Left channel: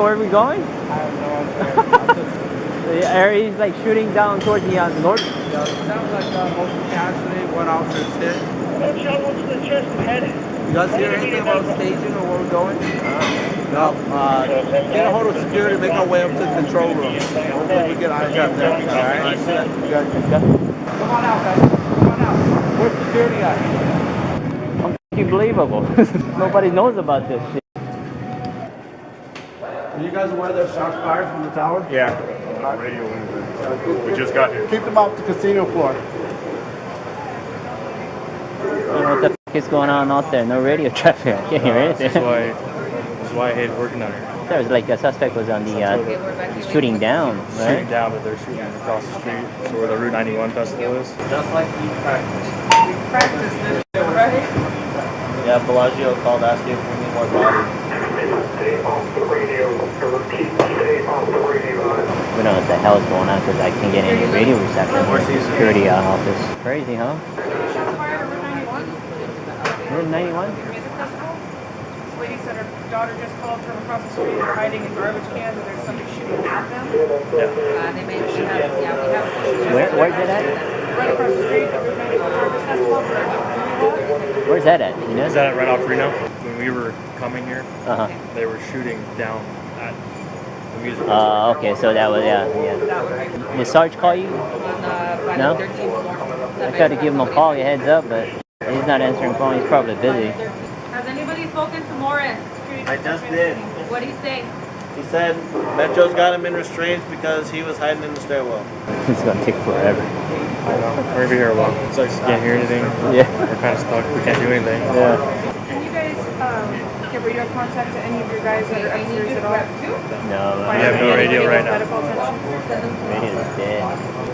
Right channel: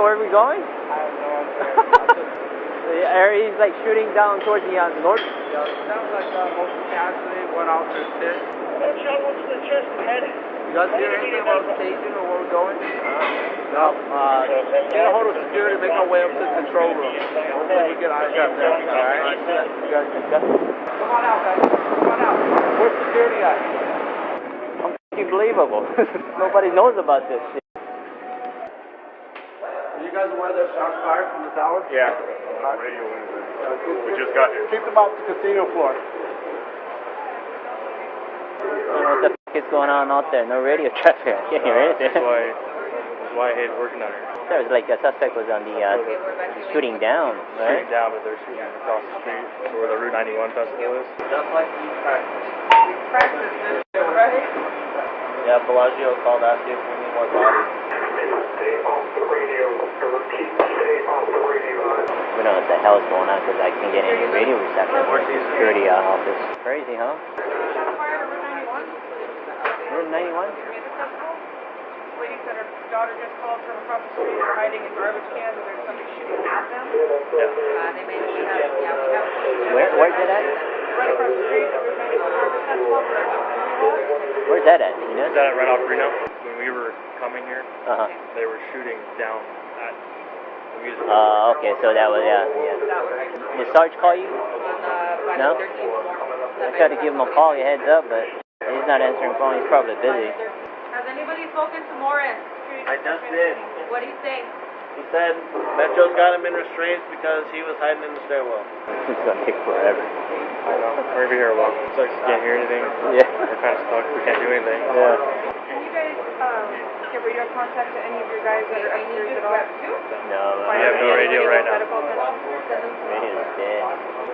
know where we're going? I have no idea. The area is like shooting down towards the north. Yeah, it sounds like most casually one officer is hit. One shot, one to the chest and head. You guys hear anything about staging or where we're going? No. Get a hold of security, make our way up to the control room. Hopefully we get eyes up there. All right. You guys, come on out, guys. Come on out. Where's the security guy? Unbelievable. Nobody knows about this shit. Are you guys aware there's shots fired from the tower? Yeah. Radio. We just got here. Keep them off the casino floor. I don't know what the f is going on out there. No radio traffic. I can't hear anything. That's why I hate working out here. There was like the suspect was on the shooting down, right? Shooting down, but they're shooting across the street. So where the Route 91 festival is. Just like we practice. We practice this shit, right? Yeah, Bellagio called asking if we need more bodies. We don't know what the hell is going on because I can't get any radio reception from the security office. Crazy, huh? Shots fired at Route 91. Route 91? Music festival. This lady said her daughter just called from across the street. They're hiding in garbage cans and there's somebody shooting at them. They may have, we have. Where's it at? Right across the street at Route 91 Garbage Festival. Where's that at? You know? Is that right off Reno? When we were coming here, Uh-huh. they were shooting down at the music festival. Oh, okay, so that was, yeah. Did Sarge call you? By No? the 13th floor. I tried to give him a call, a heads up, but he's not answering phone. He's probably busy. Has anybody spoken to Morris? I just did. What did he say? He said Metro's got him in restraints because he was hiding in the stairwell. It's gonna take forever. I know. We're gonna be here a while. It's like you can't hear anything. Yeah. We're kind of stuck. We can't do anything. Yeah. Can you guys give radio contact to any of your guys that are upstairs at all? No, We have no radio right now. Medical attention? radio's dead.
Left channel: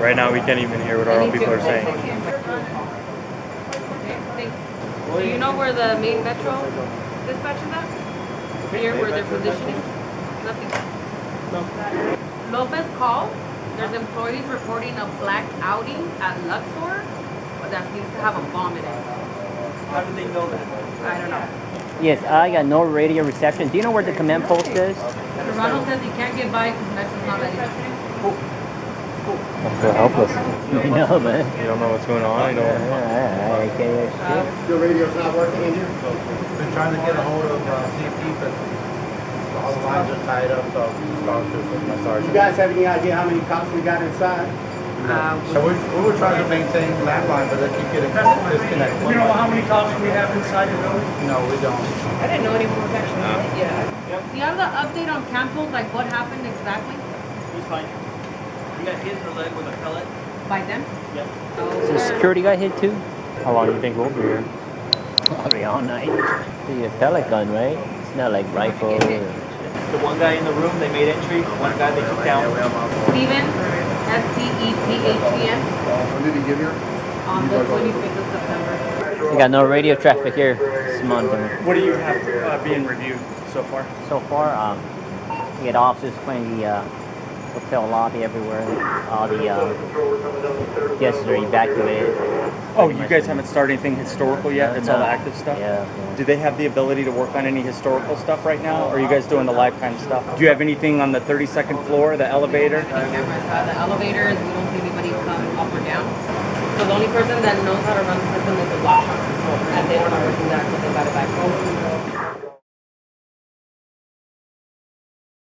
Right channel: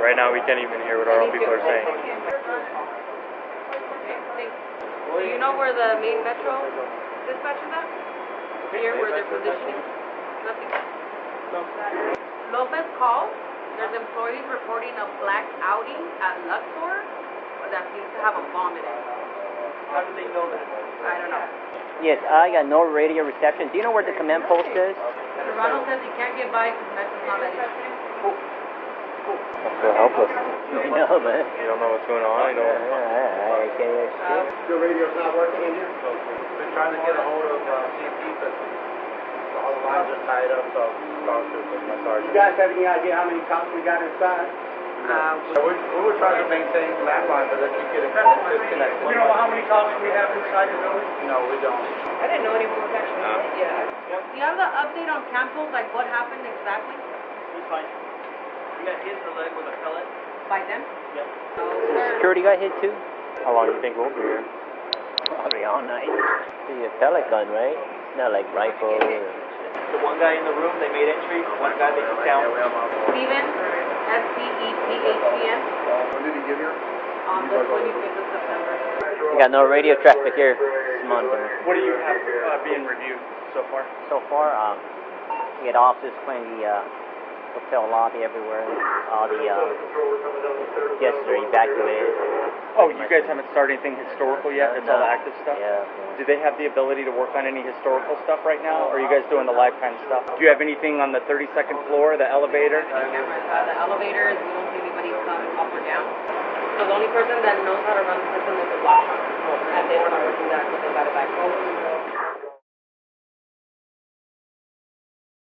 Right now, we can't even hear what our own people are saying. Do you know where the main Metro dispatch is at? Here, where they're positioning? Nothing. Lopez called. There's employees reporting a black Audi at Luxor that seems to have a bomb in it. How did they know that? I don't know. Yes, I got no radio reception. Do you know where the command post is? Serrano says he can't get by because Metro's not letting him. I'm so helpless. I know, man. You don't know what's going on. You know. I can't. Your radio's not working in here? Been trying to get a hold of CP, but all the lines are tied up, so my sergeant. You guys have any idea how many cops we got inside? So we were trying to maintain landline, but they keep getting disconnected. You know how many cops we have inside the building? No, we don't. I didn't know anyone was actually in it yet. Do you have the update on Campbell? Like what happened exactly? He's fine. He got hit in the leg with a pellet. By them? Yep. So the security guy hit too? How long do you think we'll be here? Probably all night. See a pellet gun, right? It's not like rifle. The one guy in the room, they made entry. One guy they took down. Steven, S-T-E-P-H-E-N, When did he get here? on the 25th of September. We got no radio traffic here this month. What do you have being reviewed so far? So far, we had officers playing the hotel lobby everywhere. All the guests are evacuated. Oh, you guys haven't started anything historical yet? It's all active stuff? Yeah. Do they have the ability to work on any historical stuff right now? Or are you guys doing the lifetime stuff? Do you have anything on the 32nd floor, the elevator? Cameras, the elevators, we don't see anybody come up or down. So the only person that knows how to run the system is the watch.